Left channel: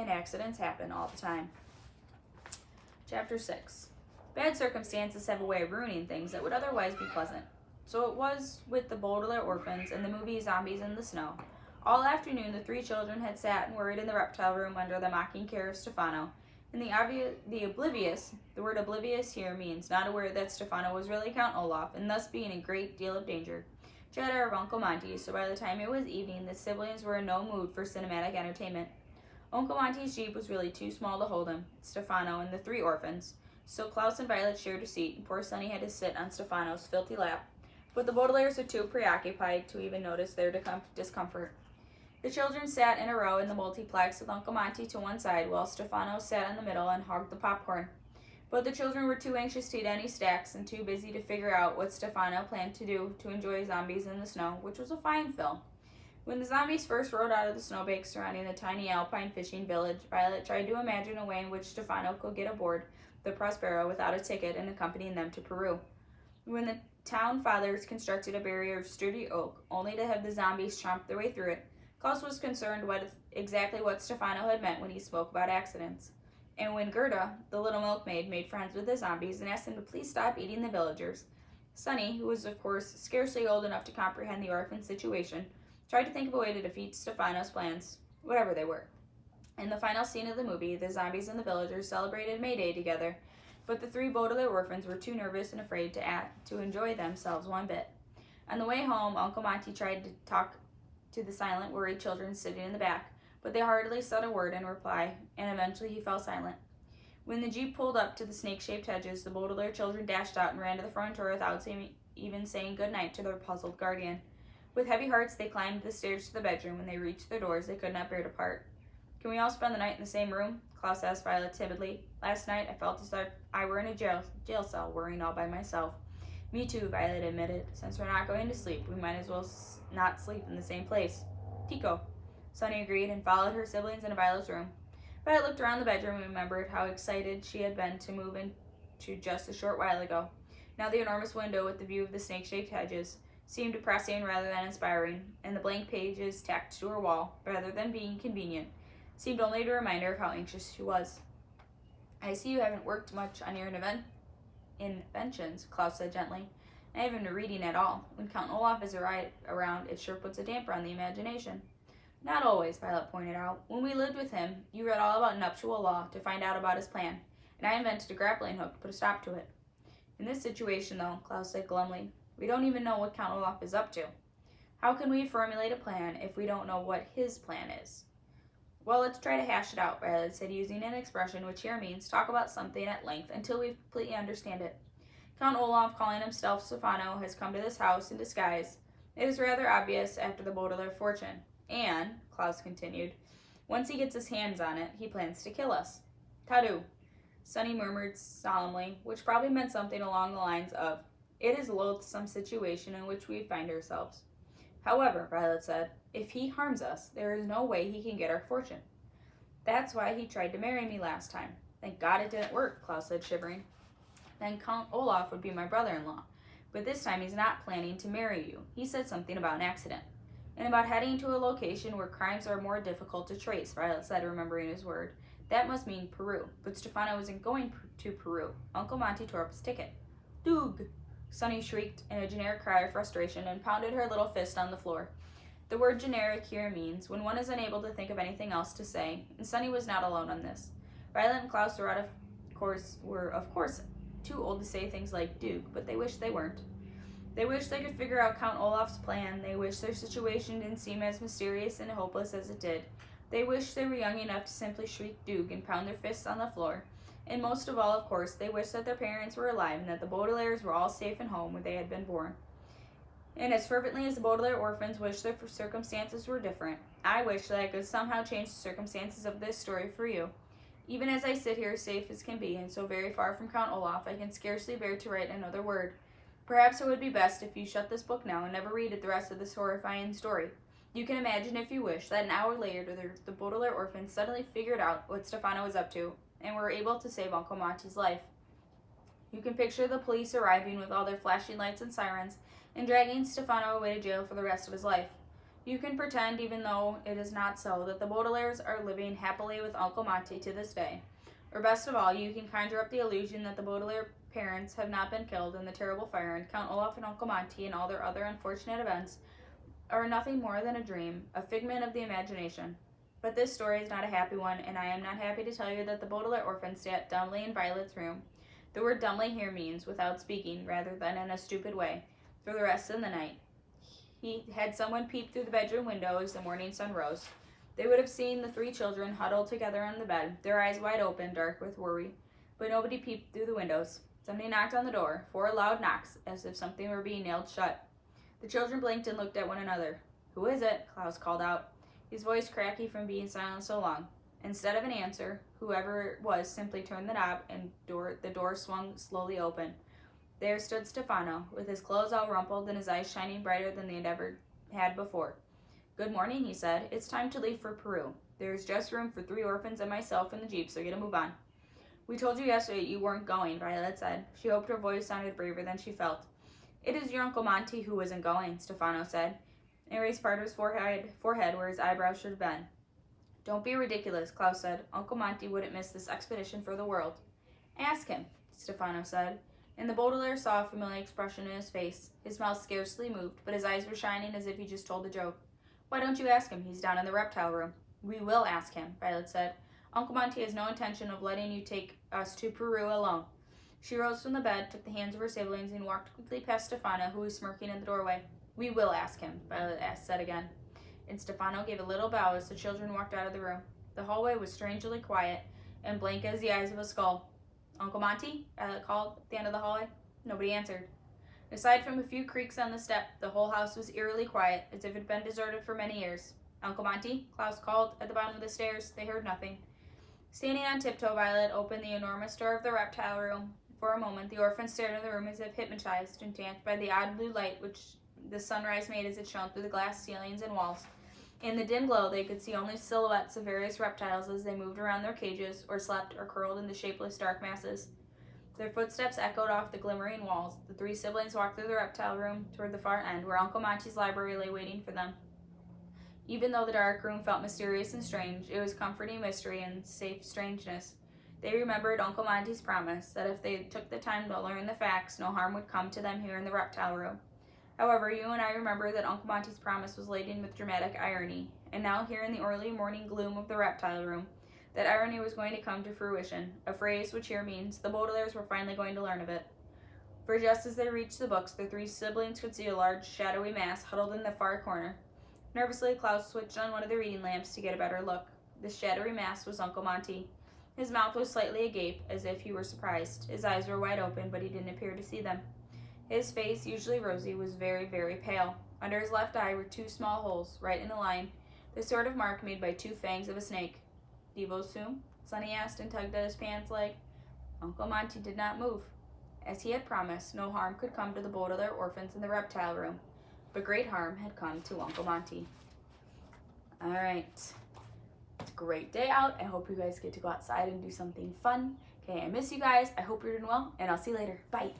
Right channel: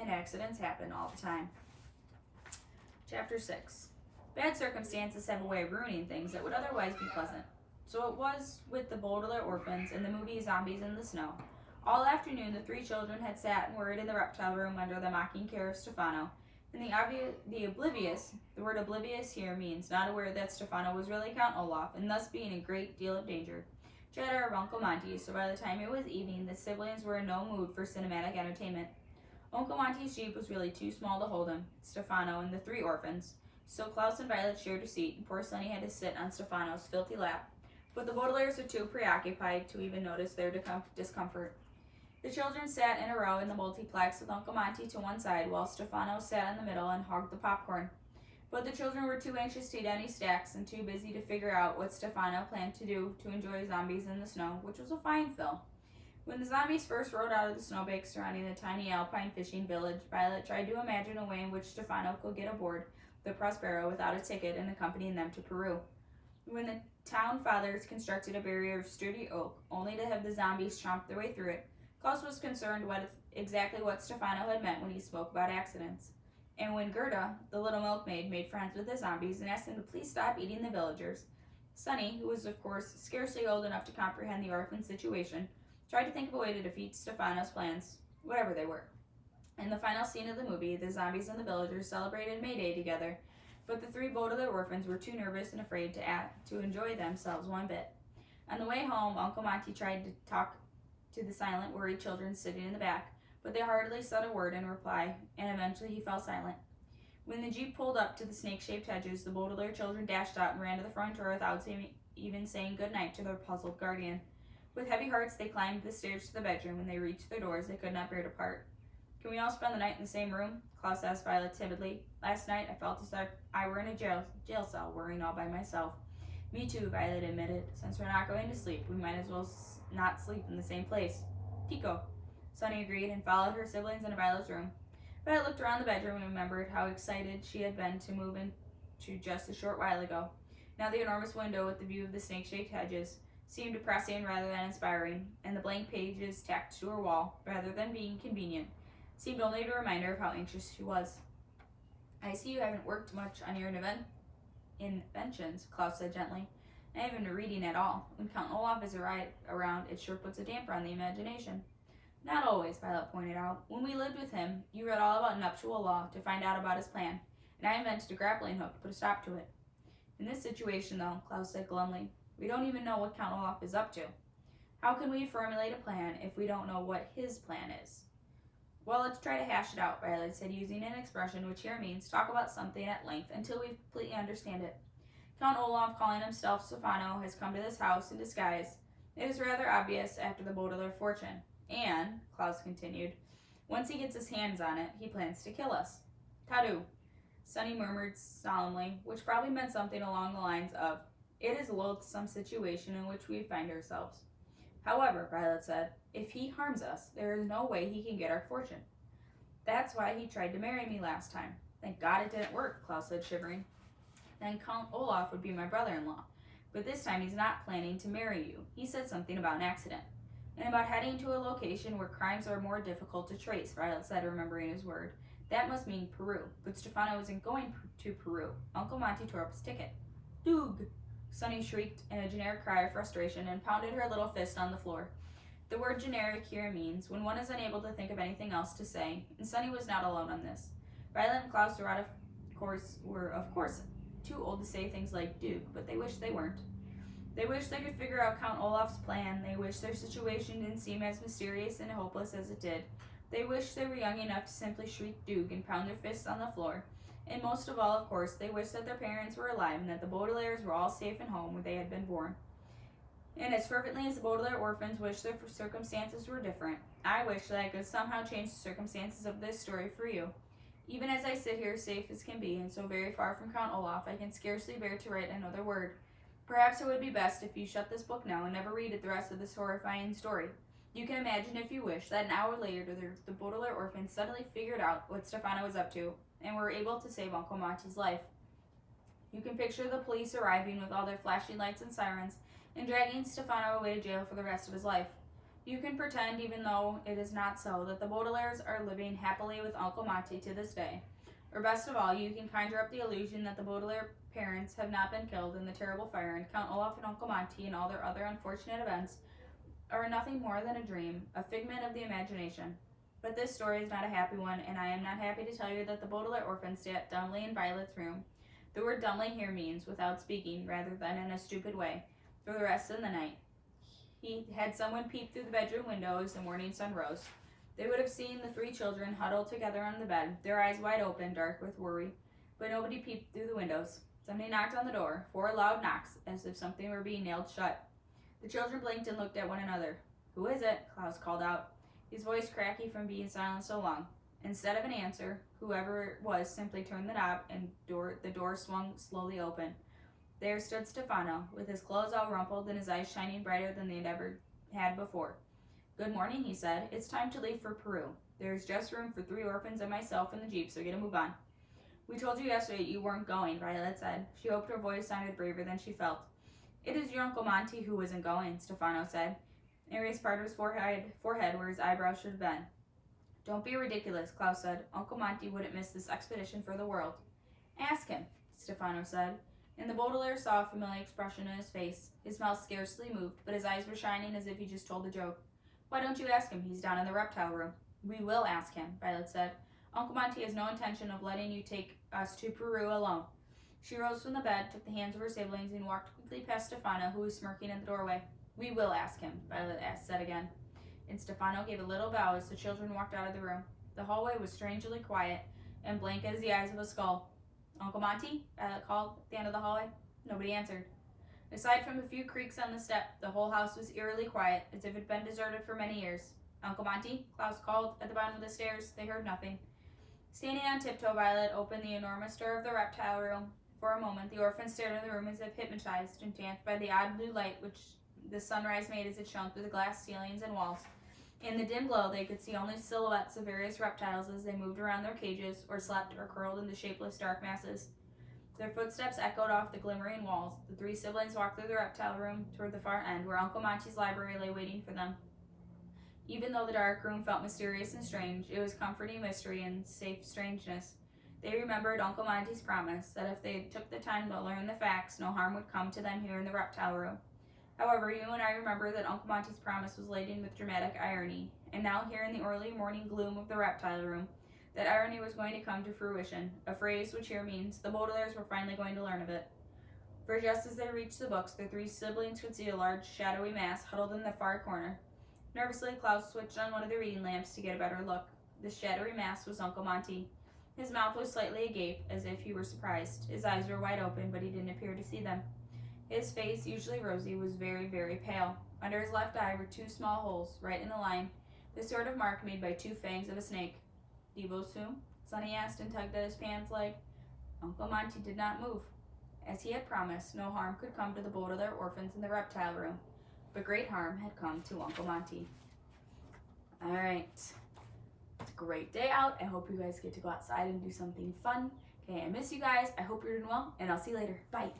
and accidents happen all the time. Chapter 6. Bad circumstances have a way of ruining things that would otherwise be pleasant. So it was with the Baudelaire orphans and the movie Zombies in the Snow. All afternoon, the three children had sat and worried in the reptile room under the mocking care of Stefano. And the oblivious, the word oblivious here means not aware that Stefano was really Count Olaf, and thus being in a great deal of danger. Chatter of Uncle Monty, so by the time it was evening, the siblings were in no mood for cinematic entertainment. Uncle Monty's jeep was really too small to hold him, Stefano, and the three orphans, so Klaus and Violet shared a seat, and poor Sonny had to sit on Stefano's filthy lap. But the Baudelaires were too preoccupied to even notice their discomfort. The children sat in a row in the multiplex with Uncle Monty to one side, while Stefano sat in the middle and hogged the popcorn. But the children were too anxious to eat any snacks and too busy to figure out what Stefano planned to do to enjoy Zombies in the Snow, which was a fine film. When the zombies first rode out of the snowbank surrounding the tiny alpine fishing village, Violet tried to imagine a way in which Stefano could get aboard the Prospero without a ticket and accompanying them to Peru. When the town fathers constructed a barrier of sturdy oak, only to have the zombies chomp their way through it, Klaus was concerned exactly what Stefano had meant when he spoke about accidents. And when Gerda, the little milkmaid, made friends with the zombies and asked them to please stop eating the villagers, Sonny, who was of course scarcely old enough to comprehend the orphan situation, tried to think of a way to defeat Stefano's plans, whatever they were. In the final scene of the movie, the zombies and the villagers celebrated May Day together, but the three Baudelaire orphans were too nervous and afraid to enjoy themselves one bit. On the way home, Uncle Monty tried to talk to the silent, worried children sitting in the back, but they hardly said a word in reply, and eventually he fell silent. When the jeep pulled up to the snake-shaped hedges, the Baudelaire children dashed out and ran to the front door without even saying good night to their puzzled guardian. With heavy hearts, they climbed the stairs to the bedroom. When they reached their doors, they could not bear to part. Can we all spend the night in the same room? Klaus asked Violet timidly. Last night, I felt as though I were in a jail cell, worrying all by myself. Me too, Violet admitted. Since we're not going to sleep, we might as well not sleep in the same place. Tico, Sonny agreed and followed her siblings into Violet's room. Violet looked around the bedroom and remembered how excited she had been to move into just a short while ago. Now the enormous window with the view of the snake-shaped hedges seemed depressing rather than inspiring, and the blank pages tacked to her wall, rather than being convenient, seemed only to remind her of how anxious she was. I see you haven't worked much on your inventions, Klaus said gently. I haven't been reading at all. When Count Olaf is around, it sure puts a damper on the imagination. Not always, Violet pointed out. When we lived with him, you read all about nuptial law to find out about his plan, and I invented a grappling hook to put a stop to it. In this situation, though, Klaus said glumly, we don't even know what Count Olaf is up to. How can we formulate a plan if we don't know what his plan is? Well, let's try to hash it out, Violet said, using an expression which here means talk about something at length until we completely understand it. Count Olaf, calling himself Stefano, has come to this house in disguise. It is rather obvious after the Baudelaire fortune. And, Klaus continued, once he gets his hands on it, he plans to kill us. Tadu, Sonny murmured solemnly, which probably meant something along the lines of, it is a loathsome situation in which we find ourselves. However, Violet said, if he harms us, there is no way he can get our fortune. That's why he tried to marry me last time. Thank God it didn't work, Klaus said, shivering. Then Count Olaf would be my brother-in-law. But this time he's not planning to marry you. He said something about an accident. And about heading to a location where crimes are more difficult to trace, Violet said, remembering his word. That must mean Peru. But Stefano isn't going to Peru. Uncle Monty tore up his ticket. Doog! Sonny shrieked in a generic cry of frustration and pounded her little fist on the floor. The word generic here means when one is unable to think of anything else to say, and Sonny was not alone on this. Violet and Klaus were of course too old to say things like Duke, but they wished they weren't. They wished they could figure out Count Olaf's plan. They wished their situation didn't seem as mysterious and hopeless as it did. They wished they were young enough to simply shriek Duke and pound their fists on the floor. And most of all, of course, they wished that their parents were alive and that the Baudelaires were all safe and home when they had been born. And as fervently as the Baudelaire orphans wished their circumstances were different, I wish that I could somehow change the circumstances of this story for you. Even as I sit here safe as can be, and so very far from Count Olaf, I can scarcely bear to write another word. Perhaps it would be best if you shut this book now and never read it the rest of this horrifying story. You can imagine, if you wish, that an hour later the Baudelaire orphans suddenly figured out what Stefano was up to, and were able to save Uncle Monty's life. You can picture the police arriving with all their flashing lights and sirens, and dragging Stefano away to jail for the rest of his life. You can pretend, even though it is not so, that the Baudelaires are living happily with Uncle Monty to this day. Or best of all, you can conjure up the illusion that the Baudelaire parents have not been killed in the terrible fire, and Count Olaf and Uncle Monty and all their other unfortunate events are nothing more than a dream, a figment of the imagination. But this story is not a happy one, and I am not happy to tell you that the Baudelaire orphans sat dumbly in Violet's room. The word dumbly here means without speaking, rather than in a stupid way, for the rest of the night. He had someone peep through the bedroom window as the morning sun rose. They would have seen the three children huddled together on the bed, their eyes wide open, dark with worry. But nobody peeped through the windows. Somebody knocked on the door, 4 loud knocks, as if something were being nailed shut. The children blinked and looked at one another. "Who is it?" Klaus called out, his voice cracky from being silent so long. Instead of an answer, whoever it was simply turned the knob, and the door swung slowly open. There stood Stefano, with his clothes all rumpled and his eyes shining brighter than they had ever had before. "Good morning," he said. "It's time to leave for Peru. There's just room for 3 orphans and myself in the jeep, so get a move on." "We told you yesterday you weren't going," Violet said. She hoped her voice sounded braver than she felt. "It is your Uncle Monty who isn't going," Stefano said, and raised part of his forehead where his eyebrows should have been. "Don't be ridiculous," Klaus said. "Uncle Monty wouldn't miss this expedition for the world." "Ask him," Stefano said, and the Baudelaire saw a familiar expression in his face. His mouth scarcely moved, but his eyes were shining as if he just told a joke. "Why don't you ask him? He's down in the reptile room." "We will ask him," Violet said. "Uncle Monty has no intention of letting you take us to Peru alone." She rose from the bed, took the hands of her siblings, and walked quickly past Stefano, who was smirking in the doorway. "We will ask him," Violet said again. And Stefano gave a little bow as the children walked out of the room. The hallway was strangely quiet and blank as the eyes of a skull. "Uncle Monty?" Violet called at the end of the hallway. Nobody answered. Aside from a few creaks on the step, the whole house was eerily quiet, as if it had been deserted for many years. "Uncle Monty?" Klaus called at the bottom of the stairs. They heard nothing. Standing on tiptoe, Violet opened the enormous door of the reptile room. For a moment, the orphans stared into the room as if hypnotized, entranced by the odd blue light which the sunrise made as it shone through the glass ceilings and walls. In the dim glow, they could see only silhouettes of various reptiles as they moved around their cages, or slept, or curled in the shapeless dark masses. Their footsteps echoed off the glimmering walls. The 3 siblings walked through the reptile room toward the far end, where Uncle Monty's library lay waiting for them. Even though the dark room felt mysterious and strange, it was comforting mystery and safe strangeness. They remembered Uncle Monty's promise that if they took the time to learn the facts, no harm would come to them here in the reptile room. However, you and I remember that Uncle Monty's promise was laden with dramatic irony, and now here in the early morning gloom of the reptile room, that irony was going to come to fruition, a phrase which here means the Baudelaires were finally going to learn of it. For just as they reached the books, the 3 siblings could see a large, shadowy mass huddled in the far corner. Nervously, Klaus switched on one of the reading lamps to get a better look. The shadowy mass was Uncle Monty. His mouth was slightly agape, as if he were surprised. His eyes were wide open, but he didn't appear to see them. His face, usually rosy, was very, very pale. Under his left eye were 2 small holes, right in a line, the sort of mark made by 2 fangs of a snake. "Do you vote soon?" Sonny asked and tugged at his pants leg. Uncle Monty did not move. As he had promised, no harm could come to the Baudelaire orphans in the reptile room, but great harm had come to Uncle Monty. Alright. It's a great day out. I hope you guys get to go outside and do something fun. Okay, I miss you guys. I hope you're doing well, and I'll see you later. Bye.